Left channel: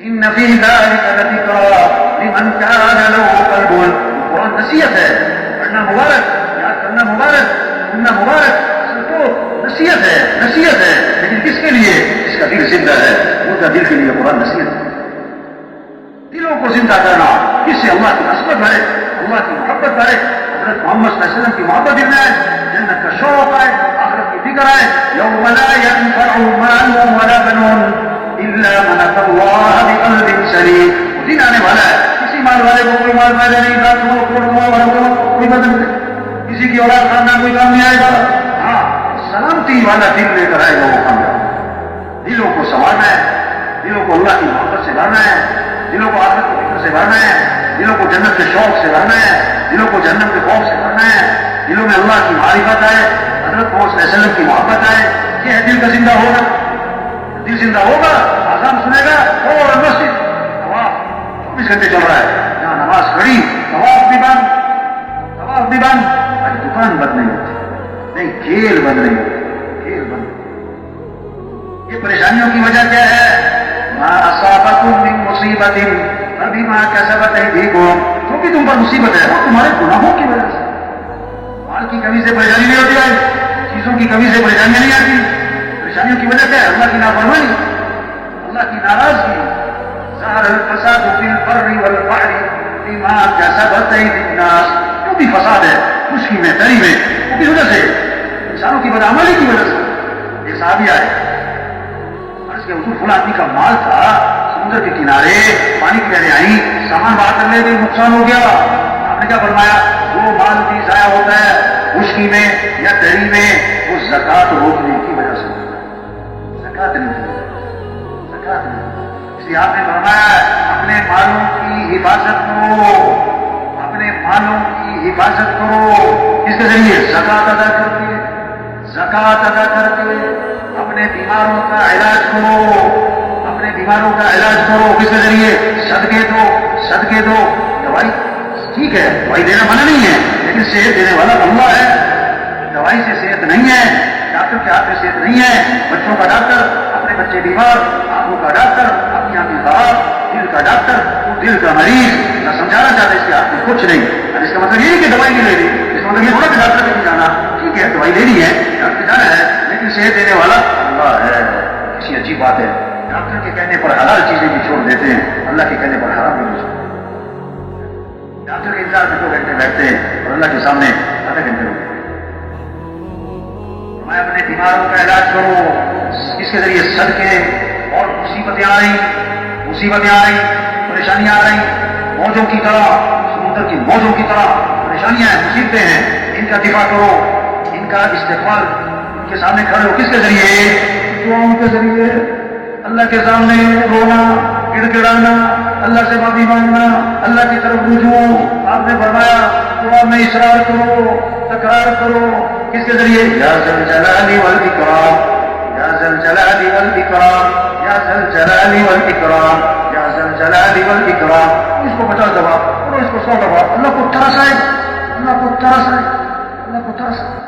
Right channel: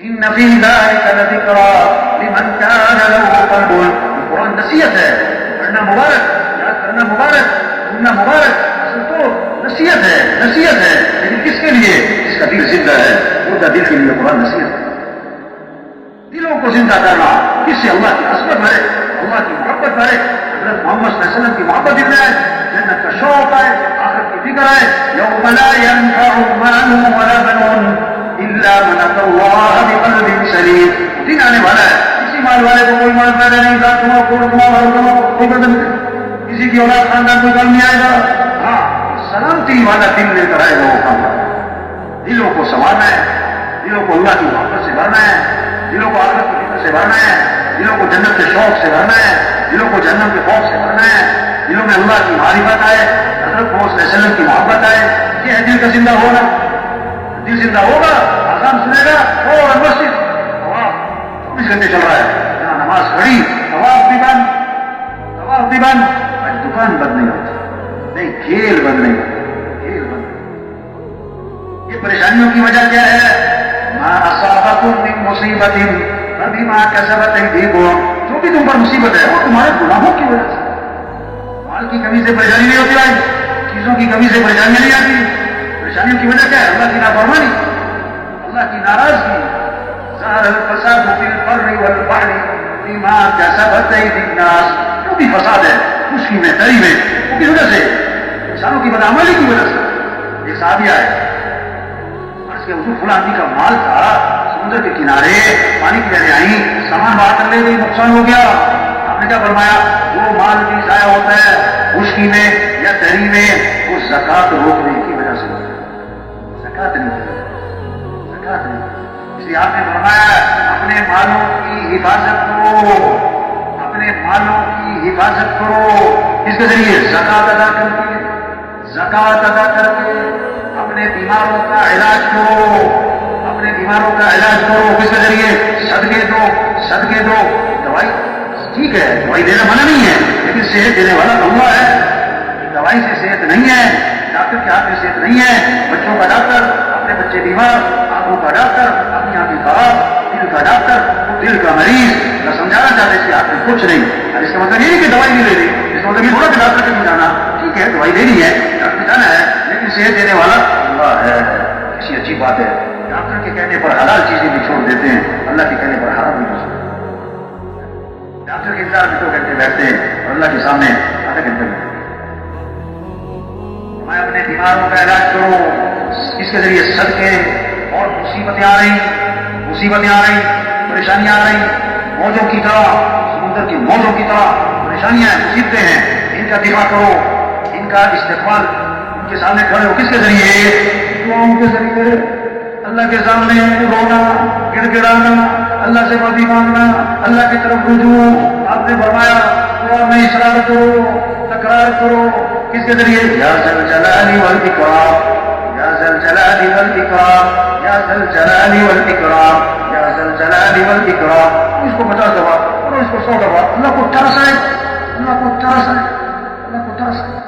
ان فی ذلک لذکری لمن کان له قلب. قرآن نصیحت ہے، پڑھنا مبارک، یاد کرنا مبارک، سننا مبارک. اصل تو نصیحت ہے، نصیحت ہے، لیکن کس کے لیے؟ جس کا دل زندہ ہے، مردہ دل کے لیے قرآن نصیحت ہے. دلوں کو زندہ کرنا، کس سے؟ اللہ کی عصمت بھرے، اللہ کی محبت بھرے، حضرت محمد صلی اللہ علیہ وسلم کی محبت دل میں آئے، جنت کا شوق آئے، آخرت کی فکر آئے. یوم لا ينفع مال ولا بنون الا من اتى الله بقلب سلیم. وہ دن آنے والا ہے، کسی مال والے کو کوئی مال فائدہ نہیں، لاکھ کماؤ، کروڑ کماؤ، ارب کماؤ، کوئی فائدہ نہیں. کسی کی اولاد خاندان کوئی کام نہیں آئے گا. ہاں، سلامتی والا دل لے کر آئے گا وہ کامیاب. دلوں کو سنوارنا ہے، دلوں کو اللہ کی محبت سے بھرنا ہے، دلوں کو آخرت کی فکر سے بھرنا ہے، دلوں کو جنت کے شوق سے بھرنا ہے، دلوں کو جہنم کے خوف سے بھرنا ہے، دلوں میں اللہ کی معرفت آئے، حضرت محمد صلی اللہ علیہ وسلم کی محبت آئے. یہ ہے دل کا زندہ ہونا. دل زندہ ہوگا، آزان سنے گا، فوراً مسجد. طواف 24 گھنٹے چل رہا ہے، جہاں نماز کھڑی طواف بھی بند، طواف بھی بند. آج دکان بند نہیں ہوتی، نہیں کھیل بند نہیں ہوتی، کھیل بند. یہ پریشانیوں کی وجہ کیا ہے؟ ما اصابکم من مصیبت فبما کسبت ایدیکم. جو بھی تم پر مصیبت ہے وہ تمہارے گناہوں کی وجہ سے. مال کی کمی سے پریشانی نہیں ہوتی بھائی، چیزوں کی کمی سے پریشانیاں نہیں آتی. پریشانیوں کی وجہ کیا ہے؟ اللہ کی نافرمانی، اللہ کی ناراضگی. ظہر الفساد فی البر والبحر بما کسبت ایدی الناس. جو بھی فساد ہے خشکی میں، تری میں، وہ کس وجہ سے؟ انسانوں کی بدعملی کی وجہ سے. ایک صحابی آئے، عرض کیا حضور فلاں آدمی کا مال تھا، سمندر کے کنارے پانی کی لہریں آئیں، سامان بہا کر لے گئی، نقصان ہو گیا. آپ نے کیا فرمایا؟ جو مال بھی ضائع ہوتا ہے خشکی میں یا تری میں، وہ زکات روکنے کی وجہ سے ہوتا ہے. زکات نہیں کی، زکات نہیں. اس لیے آپ نے فرمایا اپنے مالوں کی حفاظت کرو، اپنے مالوں کی حفاظت کرو. کس کے ذریعے؟ زکات ادا کر کے، زکات ادا کر کے. اپنے بیماروں کا علاج کرو، اپنے بیماروں کا علاج کرو. کس کے ذریعے؟ صدقے دو، صدقے دو. دوائی ٹھیک ہے، دوائی دینا منع نہیں ہے، لیکن صحت دینے والا اللہ ہے. دوائی سے صحت نہیں ہے، ڈاکٹر کے ہاتھ میں صحت نہیں ہے. بچوں کا ڈاکٹر، اپنے بچے بیمار، آنکھوں کا ڈاکٹر، اپنی آنکھیں خراب، دل کا ڈاکٹر، وہ دل کا مریض. نہ سمجھانا چاہتے اس کے ہاتھ میں کچھ نہیں. اور اس کا مطلب یہ نہیں کہ دوائی نہیں لے رہی، اس کا مطلب یہ تھوڑا کہ ڈاکٹر کے نہیں جانا. ٹھیک ہے، دوائی لینی ہے، ڈاکٹر جانا ہے، لیکن صحت دینے والا اللہ ہے. کسی عجیب بات ہے، ڈاکٹر کے کہنے پر حلال چیزیں بھی چھوڑ دیتے ہیں، اللہ کے کہنے پر حرام بھی چھوڑ دیتے ہیں. ڈاکٹر کے انتظار میں 2 گھنٹے بیٹھتے ہیں اور اللہ کے سامنے آدھا گھنٹے بیٹھتے ہیں. میں اپنے بیماروں کا علاج کرو. اس کے ذریعے صدقے. اور مصیبتیں آ رہی، مصیبتیں آ رہی، پریشانیاں آ رہی، موجوں کی طرح، سمندر کی موجوں کی طرح پریشانیاں ہیں، مصیبتیں ہیں. ان کا دفاع کرو، ان کا استقبال، ان کے سامنے کھڑے ہو. کس کے ذریعے؟ دعاؤں کے ذریعے. اللہ کے سامنے رونا، گڑ گڑانا، اللہ سے معافی مانگنا، اللہ کی طرف رجوع. آپ نے فرمایا دعا میں اصرار کرو، تکرار کرو. کس کے ذریعے؟ یا ذا الجلال والاکرام، یا ذا الجلال والاکرام، یا ذا الجلال والاکرام، یا ذا الجلال والاکرام. اس کو 50 دفعہ پڑھو، اس کو 100 دفعہ. اللہ کو ترس آئے، اللہ کو ترس آئے، اللہ کو ترس آئے.